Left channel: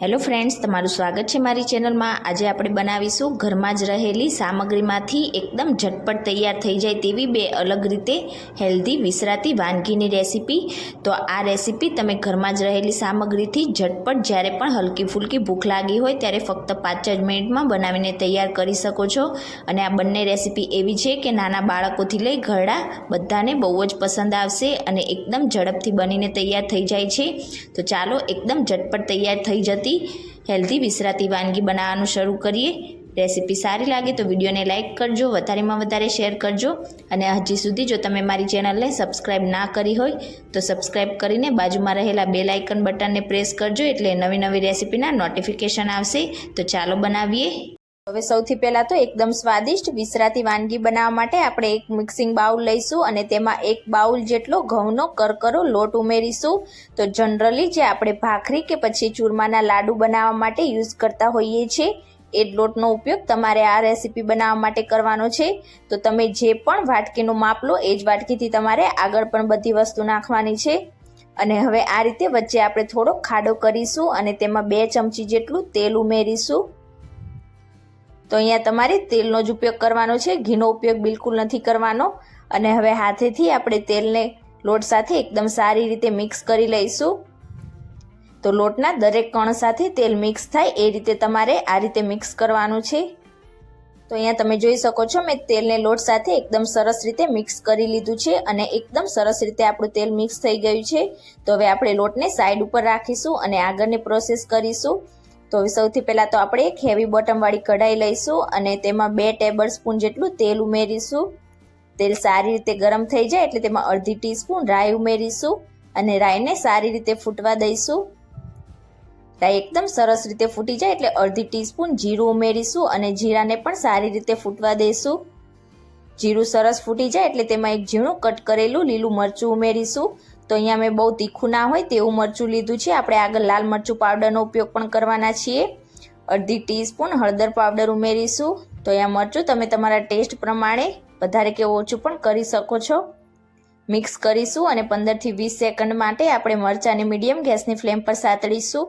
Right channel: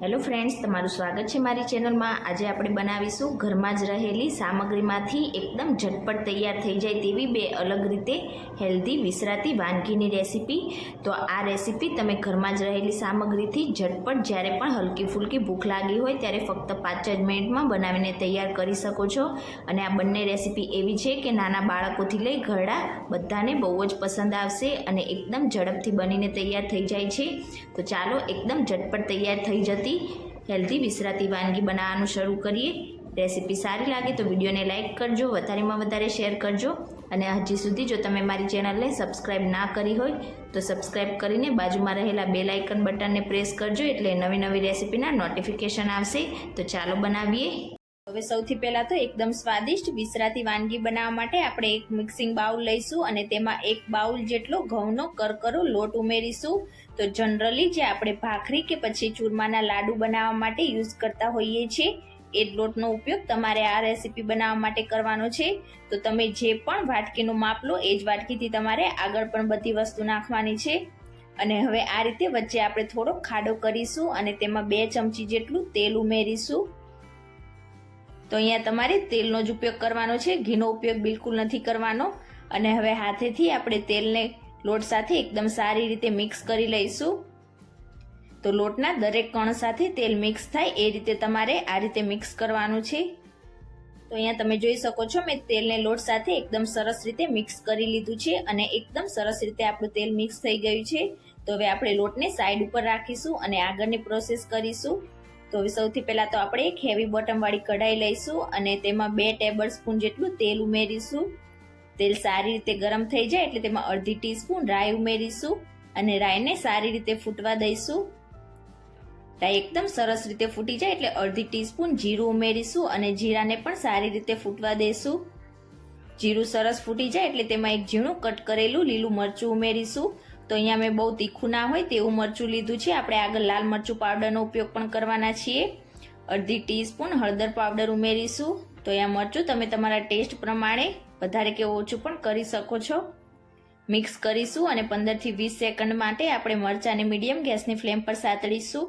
Hello friends, તમારું સ્વાગત છે મારી ચેનલમાં। આજે આપણે બનાવીશું ઘરમાં જ રહેલી સામગ્રીમાંથી એકદમ ઝટપટ તૈયાર થઈ જાય તેવી બે અલગ રીતે હેલ્ધી વિસરાતી વાનગીની રેસીપી। તો આ રેસીપી તમે ઘરમાં જ રહેલી સામગ્રીથી ઝટપટ જ્યારે પણ હલકી ફૂલકી ભૂખ લાગી હોય ત્યારે ફક્ત 5 જ મિનિટમાં બનાવીને તૈયાર કરી શકો છો। અને આ બંને રેસીપી એવી છે કે નાના બાળકોથી લઈ ઘરડા બધાને બહુ જ પસંદ આવશે અને એકદમ ઝડપથી બનીને તૈયાર થઈ જાય છે। તો ચાલો એકદમ ઝટપટ તૈયાર થઈ જતી હેલ્ધી વિસરાતી વાનગી બનાવવાનું શરૂ કરીએ। રેસીપી સારી લાગે તો વિડીયોને લાઇક કરજો, વધારેમાં વધારે શેર કરજો અને હજી સુધી જો તમે મારી ચેનલને સબસ્ક્રાઇબ ના કરી હોય તો સબસ્ક્રાઇબ કરીને બાજુમાં રહેલા બેલ આઇકન બટનને પ્રેસ કરજો એટલે નવી નવી રેસીપીના નોટિફિકેશન આવશે। તો ચાલો બનાવીએ। હવે સૌથી પહેલાં તો એકદમ સ્વાદિષ્ટ વિસરાતી વાનગી બનાવવા માટે આપણે એક મિક્સિંગ બાઉલ લઈશું અને તેમાં 1 બાઉલ જેટલો ઘઉંનો કરકરો લોટ ઉમેરીશું। તો જનરલી જે આપણે ભાખરી કે પછી ચૂરમાના લાડુ બનાવવા માટે યુઝ કરતા હોઈએ છીએ એ જ લોટનો ઉપયોગ તમારે આ રેસીપી બનાવવા માટે કરવાનો છે। તો તમે જે પણ વાટકીનું માપ લો એ જ વાટકીથી તમારે આગળ પણ બધી વસ્તુ નાખવાની છે। અને હવે આ રીતે વચ્ચે આપણે થોડો ખાડો કરીશું અને તેમાં 2 ચમચી જેટલું તેલ ઉમેરીશું। તો અહીંયા તમારે તેલનો જ ઉપયોગ કરવાનો છે, ઘીનો ઉપયોગ બિલકુલ નથી કરવાનો। અને હવે હાથેથી આપણે તેલને લોટ સાથે એકદમ સારી રીતે મિક્સ કરી લઈશું। તો લોટના દરેક કણ સાથે તેલ મિક્સ થાય એ રીતે તમારે આ રીતે મિક્સ કરવાનું છે। તો અહીંયા તમે જોઈ શકો છો મેં તેલને લોટ સાથે એકદમ સરસ રીતે મિક્સ કરી લીધું છે અને એકદમ સરસ રીતે આપણું તેલ મિક્સ થઈ ગયું છે। તો હવે આપણે લોટને સાઈડ ઉપર રાખીશું અને આગળની પ્રોસેસ કરીશું। તો સૌથી પહેલાં તો આપણે એક હેવી બોટમવાળી કઢાઈ લઈશું અને તેમાં 2 ટેબલ સ્પૂન જેટલું તેલ ઉમેરીશું। તેલ સારી રીતે ગરમ થઈ જાય એટલે તેમાં અડધી ટીસ્પૂન રાઈ ઉમેરીશું અને રાઈને સારી રીતે ફૂટવા દઈશું। રાઈ એકદમ સરસ રીતે ફૂટી જાય એટલે અડધી ટીસ્પૂન જીરું ઉમેરીશું અને જીરાને પણ સારી રીતે ફૂટવા દઈશું। જીરું સરસ ફૂટી જાય એટલે તેમાં એક ઝીણું કટ કરેલું લીલું મરચું ઉમેરીશું। તો અહીંયા મેં બહુ તીખું ના હોય તેવું મરચું લીધું છે, આપણે આગળ લાલ મરચું પાવડરનો ઉપયોગ પણ કરવાના છીએ। અડધી ટીસ્પૂન હળદર પાવડર ઉમેરીશું। તો અહીંયા મરચું તમે તમારા ટેસ્ટ પ્રમાણે વધારે કે ઓછું પણ કરી શકો છો। મિક્સ કરીશું અને 15 થી 20 સેકન્ડ માટે આપણે મરચાંને મીડિયમ ગેસની ફ્લેમ પર સાતળીશું।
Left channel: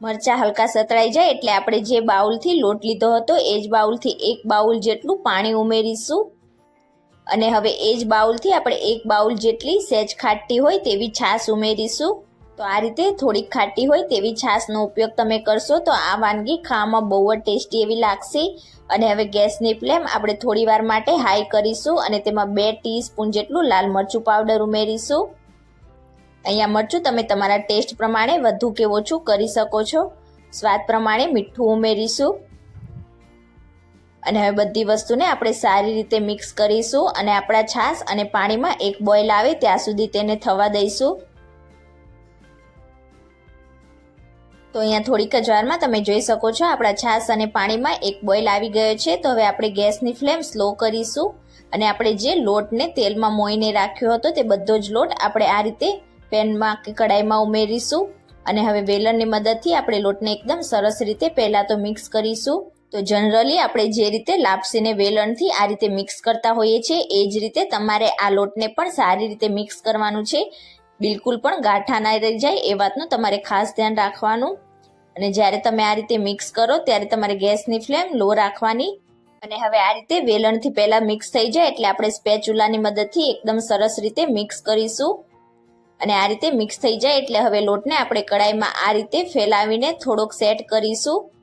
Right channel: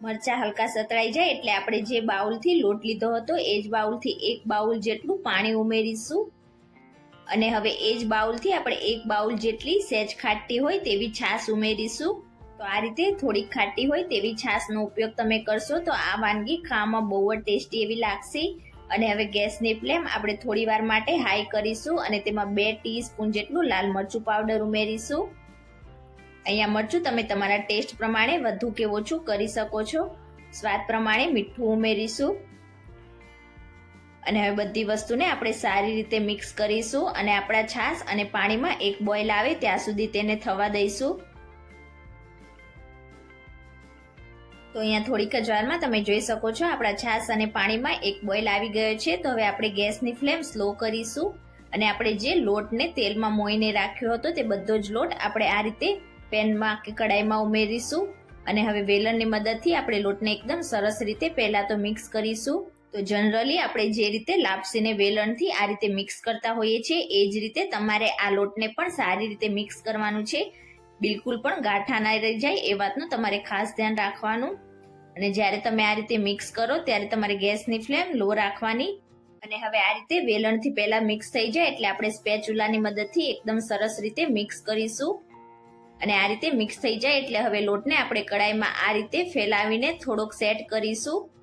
મરચાં હલકા સતળાઈ જાય એટલે આપણે જે બાઉલથી લોટ લીધો હતો એ જ બાઉલથી 1 બાઉલ જેટલું પાણી ઉમેરીશું અને હવે એ જ બાઉલથી આપણે 1 બાઉલ જેટલી સહેજ ખાટી હોય તેવી છાશ ઉમેરીશું। તો આ રીતે થોડીક ખાટી હોય તેવી છાશનો ઉપયોગ તમે કરશો તો આ વાનગી ખાવામાં બહુ જ ટેસ્ટી એવી લાગશે। અને હવે ગેસની ફ્લેમ આપણે થોડી વાર માટે હાઈ કરીશું અને તેમાં 2 ટીસ્પૂન જેટલું લાલ મરચું પાવડર ઉમેરીશું। અહીંયા મરચું તમે તમારા ટેસ્ટ પ્રમાણે વધુ કે ઓછું કરી શકો છો। સ્વાદ પ્રમાણે મીઠું ઉમેરીશું અને હવે બધી વસ્તુને આપણે સારી રીતે મિક્સ કરીશું અને આપણા છાશ અને પાણીમાં એક બોઇલ આવે ત્યાં સુધી તેને થવા દઈશું। તો અહીંયા થોડીક જ વારમાં તમે જોઈ શકો છો આપણા છાશ અને પાણીમાં એક બોઇલ આવી ગયો છે। તો હવે આપણે ગેસની ફ્લેમ સ્લો કરીશું અને આપણે જે લોટને તેલમાં મોઈને રાખ્યો હતો તે બધો જ લોટ આપણે આ રીતે પેનમાં કે કડાઈમાં ઉમેરીશું અને હવે વેલણની મદદથી આપણે લોટને એકદમ સરસ રીતે પહેલાં તો મિક્સ કરીશું। તો જનરલી આપણે જે રીતે લાપસીને વેલણથી આ રીતે મિક્સ કરતા હોઈએ છીએ એ જ રીતે તમારે આ લોટને પણ સારી રીતે મિક્સ કરવાનું છે। બિલકુલ પણ ગાંઠા ના રહી જાય એ વાતનું તમારે ખાસ ધ્યાન રાખવાનું। અને જ્યારે તમે આ રીતે મિક્સ કરો ત્યારે તમારે ગેસની ફ્લેમ લો રાખવાની અને હવે આ રીતે વેલણથી પહેલાં મિક્સ થઈ જાય એટલે આપણે સ્પેચ્યુલાની મદદથી એકદમ સરસ રીતે મિક્સ કરીશું અને આ રીતે મિક્સ થઈ જાય એટલે હવે લોટને આપણે કડાઈમાં આ રીતે ફેલાવીને થોડોક સેટ કરીશું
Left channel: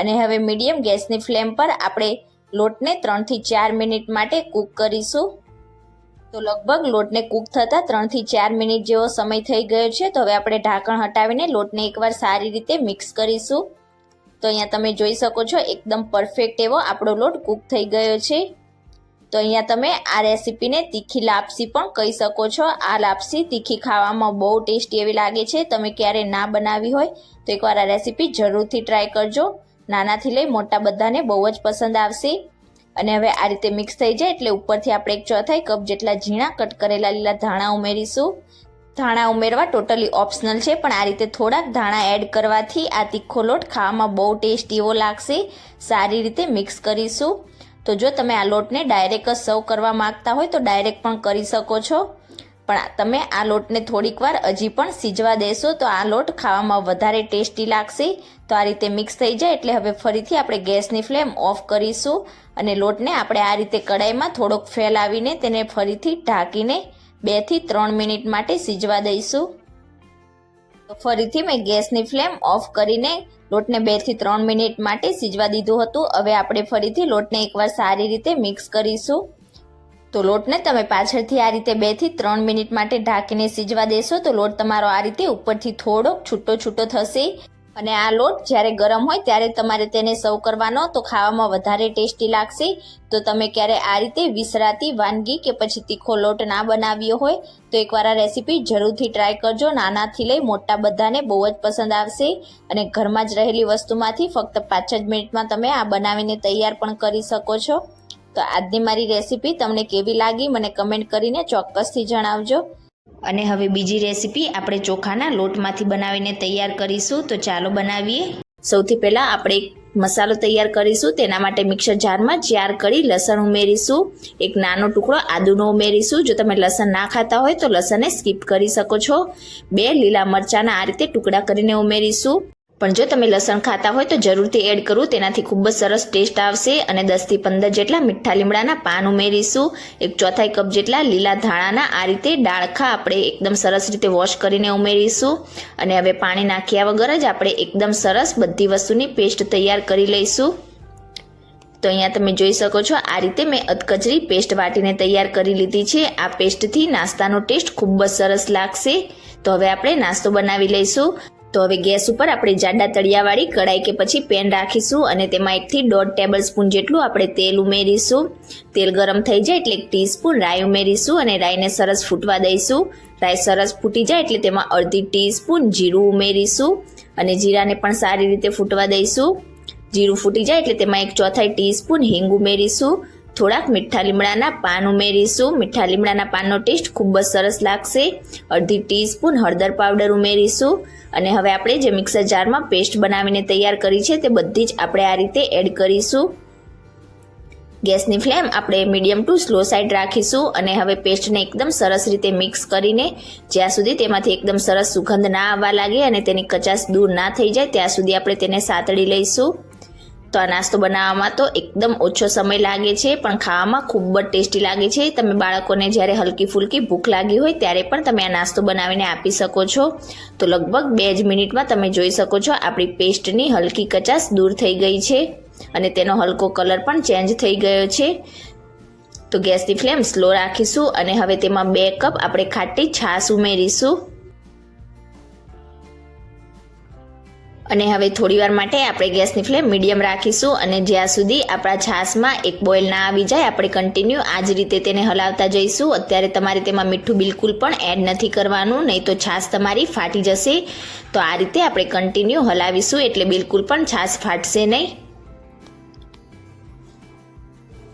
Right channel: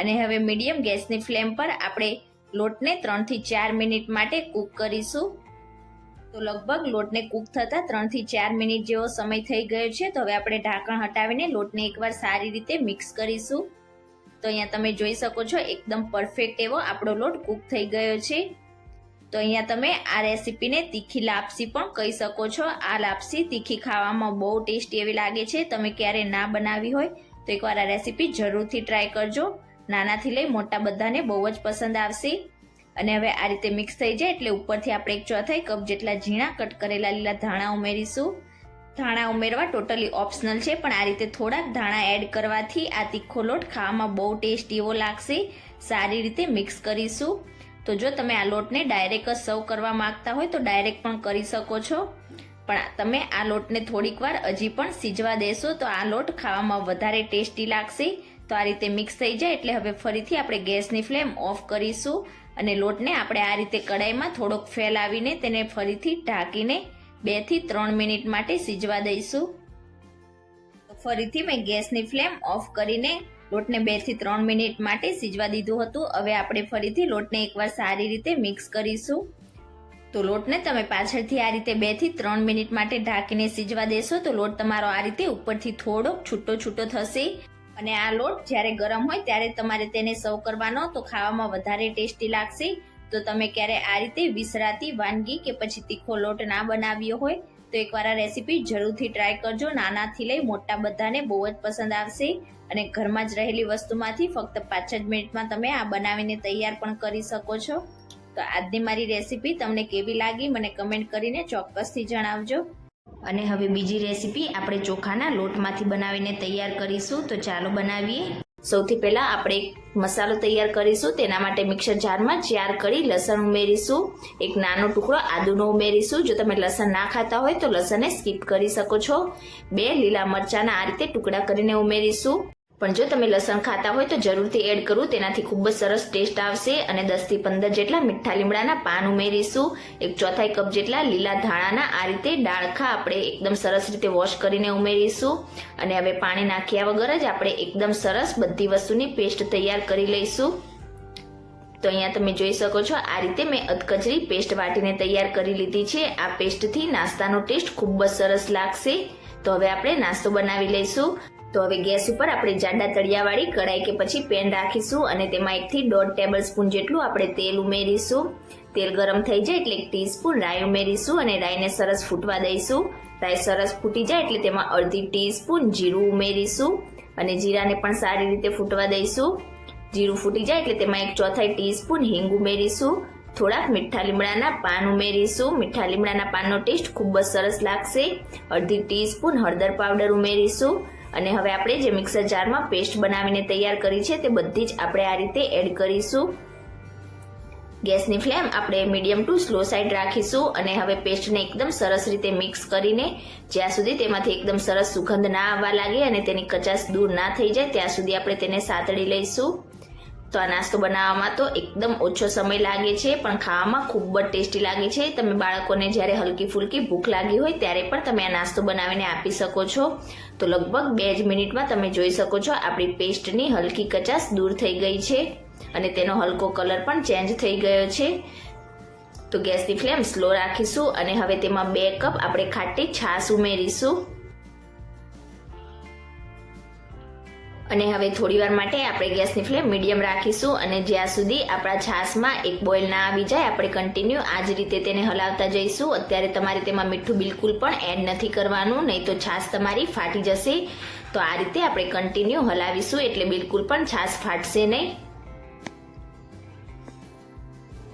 અને હવે મીડિયમ ગેસની ફ્લેમ પર આપણે લોટને 3 થી 4 મિનિટ માટે કૂક કરીશું। તો લગભગ લોટને કૂક થતાં 3 થી 4 મિનિટ જેવો સમય થઈ ગયો છે। તો હવે આપણે ઢાંકણ હટાવીને લોટને એકવાર સારી રીતે મિક્સ કરીશું। તો અહીંયા તમે જોઈ શકો છો એકદમ પરફેક્ટ એવો આપણો લોટ કૂક થઈ ગયો છે। તો અહીંયા તમે આ રેસીપીને તીખી લાપસી પણ કહી શકો છો। આ લાપસી તીખી ખાવામાં બહુ ટેસ્ટી એવી લાગે છે। તમે ક્યારે ના બનાવી હોય તો એકવાર આ રેસીપી જરૂરથી ટ્રાય કરજો। નાનાથી લઈ મોટા બધાને બહુ જ પસંદ આવશે। અને હવે આ રીતે મિક્સ થઈ જાય એટલે ઉપરથી આપણે 1/4 કપ જેટલા ઝીણા કટ કરેલા લીલા ધાણા ઉમેરીશું। ધાણા ઉમેરવા ટોટલી ઓપ્શનલ છે પણ આ રીતે થોડાક ધાણા એડ કરવાથી આ તીખો લોટ ખાવામાં બહુ ટેસ્ટી એવો લાગશે। સારી રીતે મિક્સ કરીશું। તો જો તમે આ લોટને ડાયરેક્ટ જ સર્વ કરવા માંગતા હોય તો ડાયરેક્ટ પણ કરી શકો છો પણ તમે આ લોટને થોડીક વાર હજી પણ સીજવા દેશો તો આ લોટ ખાવામાં વધારે ટેસ્ટી લાગશે. તો આ રીતે મિક્સ થઈ જાય એટલે હવે ફરીથી આપણે ગેસની ફ્લેમ ઓફ કરીશું અને લોટને આપણે આ રીતે કડાઈમાં થોડોક ફેલાવીને તેને ફરીથી ઢાંકીને 2 થી 3 મિનિટ માટે સીજવા દઈશું. તો ફરીથી મેં ગેસની ફ્લેમ ઓફ કરીને લોટને 2 થી 3 મિનિટ માટે સીજવા દીધું હતું. હવે આપણે ફરીથી લોટને એકવાર સારી રીતે મિક્સ કરીશું. તો લોટને તમે પાછળથી આ રીતે 2 થી 3 મિનિટ માટે ઢાંકીને સીજવા દેશો તો લોટ તમારો આ રીતે ઉપરથી થોડોક છૂટો થશે. અને આ લોટ જ્યારે ગરમ હોય ત્યારે તમારે તેને સર્વ કરવાનો તો ખાવામાં વધારે ટેસ્ટી લાગશે. તો તમે ક્યારે આ રીતે વિસરાતી વાનગી કે પછી તીખો લોટ ના બનાવ્યો હોય તો એકવાર આ રેસીપી જરૂરથી ટ્રાય કરજો. નાનાથી લઈ મોટા બધાને બહુ જ પસંદ આવશે અને ઘરમાં જ રહેલી વસ્તુમાંથી ફક્ત 5 જ મિનિટમાં તમે આ બનાવીને તૈયાર પણ કરી શકો છો. તો આજની મારી રેસીપી તમને કેવી લાગી મને કમેન્ટ કરીને ચોક્કસથી જણાવજો. અને હવે બીજી રેસીપી આપણે ચોખાના લોટમાંથી બનાવીને તૈયાર કરીશું. તો ચાલો બનાવીએ. સૌથી પહેલાં આપણે એક મસાલો તૈયાર કરીશું. તેના માટે મિક્સર જારમાં 4 કળી લસણ ઉમેરીશું. એક નાનો ટુકડો આદુનો ઉમેરીશું. જો તમે લસણ ના ખાતા હોય તો લસણને સ્કીપ કરી શકો છો. 2 લીલા મરચાંના આ રીતે ટુકડા કરીને ઉમેરીશું. પણ જો તમે લસણ ખાતા હોય તો જરૂરથી એડ કરવું, તેનાથી ખૂબ જ સરસ ટેસ્ટ આવશે. અને 10 થી 15 જેટલા મીઠા લીમડાના પાન ઉમેરીશું. 1/4 કપ જેટલા લીલા ધાણાના આ રીતે ડાળખા આપણે એકદમ સરસ રીતે વોશ કરીને ઉમેરીશું. અને હવે પાણી નાખ્યા વગર જ આપણે એકદમ સરસ બધી વસ્તુની પેસ્ટ તૈયાર કરી લઈશું. તો અહીંયા તમે જોઈ શકો છો આ રીતે મેં અધકચરી પેસ્ટ વાટીને તૈયાર કરી લીધી છે. આ પેસ્ટથી નાસ્તાનો ટેસ્ટ ખૂબ જ સરસ લાગશે. તો હવે આપણે નાસ્તો બનાવી લઈશું. તો હવે ગેસ ઉપર આપણે જાડા તળિયાવાળી કડાઈ કે પછી પેન રાખીશું અને તેમાં 1 થી 1.5 ટેબલ સ્પૂન જેટલું આપણે તેલ ઉમેરીશું. તેલ ગરમ થઈ જાય એટલે 1 ટીસ્પૂન રાઈ ઉમેરીશું અને રાઈને સરસ ફૂટવા દઈશું. રાઈ સરસ ફૂટી જાય એટલે તેમાં અડધી ટીસ્પૂન જીરું ઉમેરીશું અને જીરાને પણ સારી રીતે ફૂટવા દઈશું. જીરું ફૂટી જાય એટલે તેમાં 1/4 ટીસ્પૂન હિંગ ઉમેરીશું. થોડાક મીઠા લીમડાના પાન ઉમેરીશું. મીઠા લીમડાના પાનનો ટેસ્ટ ખૂબ જ સરસ લાગશે. અડધી ટીસ્પૂન હળદર પાવડર ઉમેરીશું. અને હવે આપણે જે મિક્સર જારમાં પેસ્ટ બનાવીને તૈયાર કરી છે તે બધી જ આપણે આ રીતે એડ કરીશું. ગેસની ફ્લેમ આપણે મીડિયમ ટુ સ્લો સાઈડ રાખીશું અને હવે પેસ્ટને એકદમ સરસ રીતે મિક્સ કરીને જ્યાં સુધી તેમાંથી એકદમ સરસ સુગંધ ના આવવા લાગે અને તેની કચાશ દૂર ના થઈ જાય ત્યાં સુધી આપણે તેને સાતળી લઈશું. તો આ નાસ્તો બનાવવામાં તો એકદમ ઓછો સમય લાગે છે પણ ખાવામાં ખૂબ જ ટેસ્ટી લાગે છે. તમે બાળકોને જ્યારે હલકી ફૂલકી ભૂખ લાગી હોય ત્યારે પણ તમે આ નાસ્તો બનાવીને આપી શકો છો. તો લગભગ 2 જ મિનિટમાં તમે જોઈ શકો છો આપણી પેસ્ટની હલકી કચાશ દૂર થઈ ગઈ છે અને તેનો હલકો કલર પણ ચેન્જ થઈ ગયો છે. તો ગેસની ફ્લેમ સ્લો રાખીશું અને હવે તેમાં 2 કપ આપણે ખાટી છાશ ઉમેરીશું. અને હવે થોડીવાર માટે આપણે ગેસની ફ્લેમ મીડિયમ રાખીશું અને જ્યાં સુધી આપણા છાશમાં એક બોઇલ ના આવી જાય આપણે કન્ટિન્યુ આ જ રીતે તેને હલાવતા જઈશું. અત્યારે તમારે તેમાં મીઠું બિલકુલ પણ એડ નથી કરવાનું, નહીં તો છાશ તમારી ફાટી જશે. તો આ રીતે આપણે કન્ટિન્યુ હલાવીશું એટલે બિલકુલ પણ છાશ ફાટશે નહીં.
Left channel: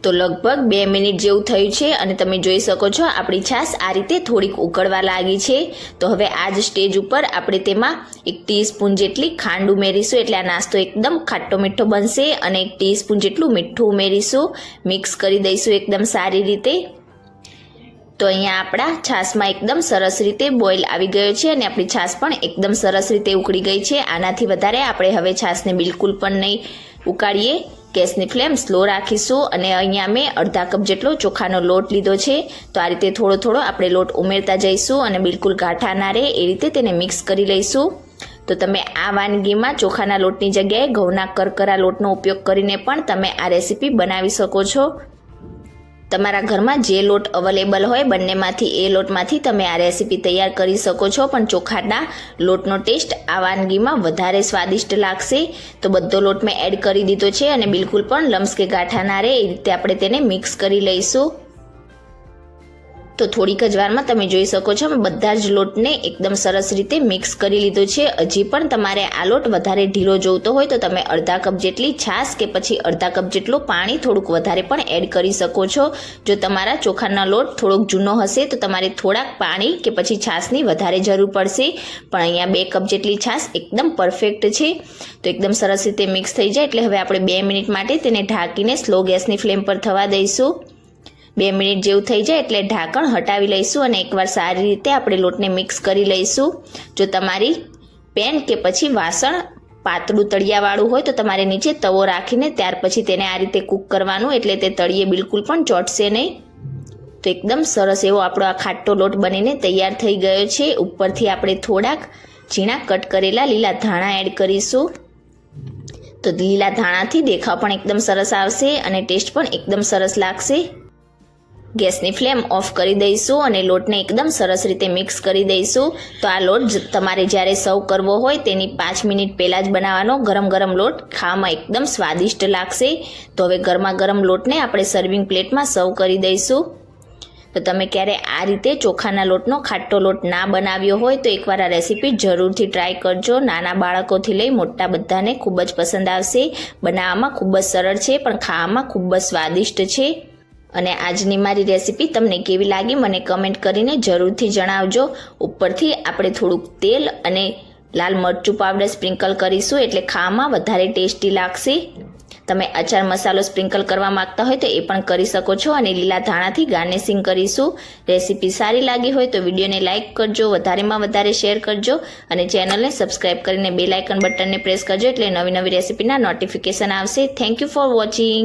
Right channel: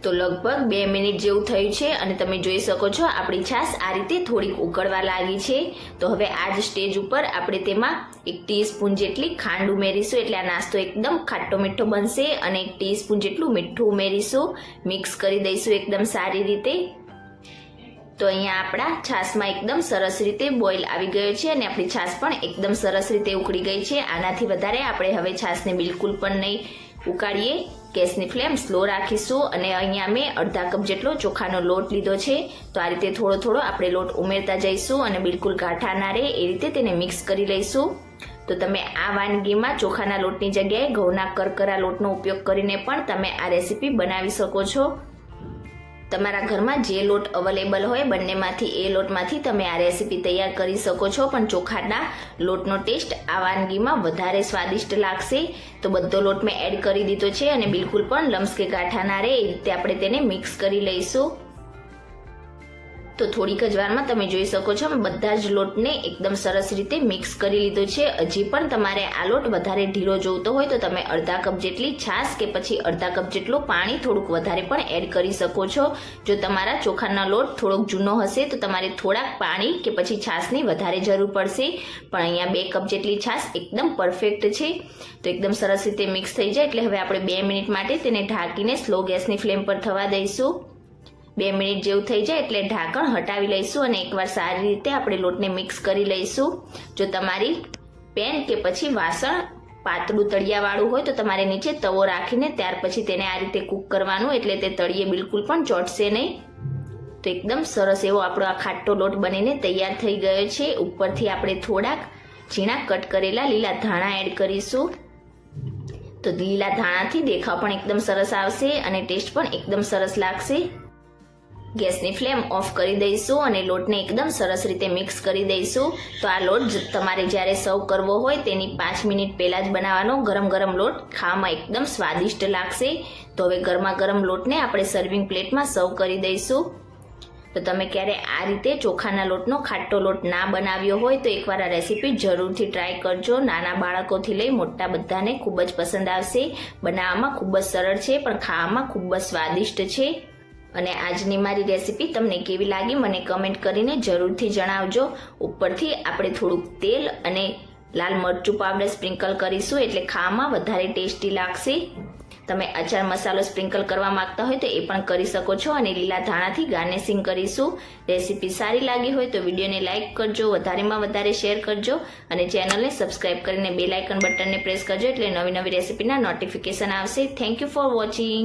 તો લગભગ 2 મિનિટ જેવું થયું છે અને તમે જોઈ શકો છો આપણી છાશ આ રીતે થોડીક ઉકળવા લાગી છે. તો હવે આ જ સ્ટેજ ઉપર આપણે તેમાં 1 ટીસ્પૂન જેટલી ખાંડ ઉમેરીશું એટલે આ નાસ્તો એકદમ ખાટો મીઠો બનશે. અને 1 ટીસ્પૂન જેટલું મીઠું ઉમેરીશું. મિક્સ કરી દઈશું એકદમ સારી રીતે. તો અહીંયા આપણા છાશમાં એકદમ સરસ રીતે બોઇલ આવી ગયો છે અને આપણી છાશ પણ એકદમ સરસ રીતે ઉકળી ગઈ છે. આનાથી વધારે આપણે હવે છાશને બિલકુલ પણ નહીં ઉકાળીએ. ગેસની ફ્લેમ સ્લો રાખીશું અને અહીંયા મેં અડધા કપ જેટલો ચોખાનો લોટ લીધો છે. તો આ રીતે થોડો થોડો આપણે લોટ ઉમેરતા જઈશું અને બિલકુલ ગાંઠા ના રહે એ રીતે તેને મિક્સ કરી લઈશું. તો તમે આ વાનગીમાં ચોખાના લોટની જગ્યાએ ઘઉંના કરકરા લોટનો ઉપયોગ કરીને પણ તમે આ રેસીપી બનાવી શકો છો. તમારા ઘરમાં જે લોટ અવેલેબલ હોય બંનેમાંથી એ લોટમાંથી તમે આ રેસીપી તૈયાર કરી શકો છો. પણ ચોખાના લોટનો ટેસ્ટ આ વાનગીમાં વધારે સ્વાદિષ્ટ લાગશે. તો બધો લોટ મેં એડ કરી દીધો છે અને બિલકુલ પણ લમ્સ કે ગાંઠા ના રહે એ રીતે આપણે તેને મિક્સ કરી લઈશું. તો થોડીક જ વારમાં તમે જોઈ શકો છો મેં બધા જ લોટને એકદમ સરસ રીતે મિક્સ કરી લીધો છે. હજી પણ તમારે આ લોટ વધારે ઢીલો જોઈતો હોય તો તમે અડધા કપ જેટલી છાશ કે પછી અડધા કપ જેટલું પાણી થોડુંક વધારે પણ એડ કરી શકો છો. જો તમારા ચોખાનો લોટ થોડોક જૂનો હશે તો તમારે થોડાક પાણી કે પછી છાશની વધારે જરૂર પડશે. પણ અહીંયા 2 કપ જેટલી છાશ એકદમ પરફેક્ટ છે. તો એકદમ સરસ રીતે મિક્સ થઈ જાય એટલે હવે આપણે 2 મિનિટ માટે તેને ઢાંકીને સ્લો ગેસની ફ્લેમ પર થવા દઈશું. 2 મિનિટ જેવું થઈ જાય એટલે ઢાંકણ હટાવી લઈશું અને એકવાર સારી રીતે આપણે લોટને મિક્સ કરી લઈશું. જો તમારી પેન કે પછી વાસણ પાતળું તળિયાવાળું હોય તો તમારે નીચે તવો રાખીને ત્યાર પછી તેને આ રીતે કૂક કરવાનું, એટલે તે તળિયે બિલકુલ પણ ચોંટશે નહીં. તો એકદમ સરસ એવો આપણો આ ખાટો લોટ બનીને તૈયાર થઈ ગયો છે. ઉપરથી આપણે થોડાક ઝીણા કટ કરેલા લીલા ધાણા એડ કરીશું. તો લીલા ધાણાથી દેખાવ પણ એકદમ સરસ આવશે અને ટેસ્ટ પણ એકદમ સરસ લાગશે. ગેસની ફ્લેમ ઓફ કરી દઈશું અને લોટને એકદમ સરસ રીતે મિક્સ કરી દઈશું. તો આ લોટ તમારે જ્યારે સર્વ કરવો હોય તેની 5 મિનિટ પહેલાં જ બનાવવાનો. ગરમ ગરમ લોટ ખાવામાં એકદમ સ્વાદિષ્ટ લાગશે. તો હવે ગરમા ગરમ લોટને આપણે સર્વિંગ પ્લેટમાં સર્વ કરી દઈશું. તો તમે ક્યારે આ રીતે ચોખાના લોટનો ખાટો લોટ ના બનાવ્યો હોય તો એકવાર આ રેસીપી જરૂરથી ટ્રાય કરજો. નાના બાળકોથી લઈ મોટા બધાને ખૂબ જ પસંદ આવશે. બનાવવામાં ખૂબ જ સરળ છે પણ ખાવામાં ખૂબ જ સ્વાદિષ્ટ છે. અને આજની મારી રેસીપી તમને કેવી લાગી મને કમેન્ટ કરીને જરૂરથી જણાવજો. ઉપરથી આપણે થોડુંક તેલ અને લાલ મરચું પાવડર સ્પ્રિંકલ કરીશું એટલે ખાવામાં વધારે ટેસ્ટી લાગશે. તમે અચાર મસાલો સ્પ્રિંકલ કરવા માંગતા હોય તો એ પણ કરી શકો છો અને લીલા ધાણાથી ગાર્નિશિંગ કરીશું. રેસીપી સારી લાગી હોય તો વિડીયોને લાઇક કરજો, વધારેમાં વધારે શેર કરજો અને ચેનલને સબસ્ક્રાઇબ કરીને બેલ આઇકન બટનને પ્રેસ કરજો એટલે નવી નવી રેસીપીના નોટિફિકેશન આવશે. Thank you for watching.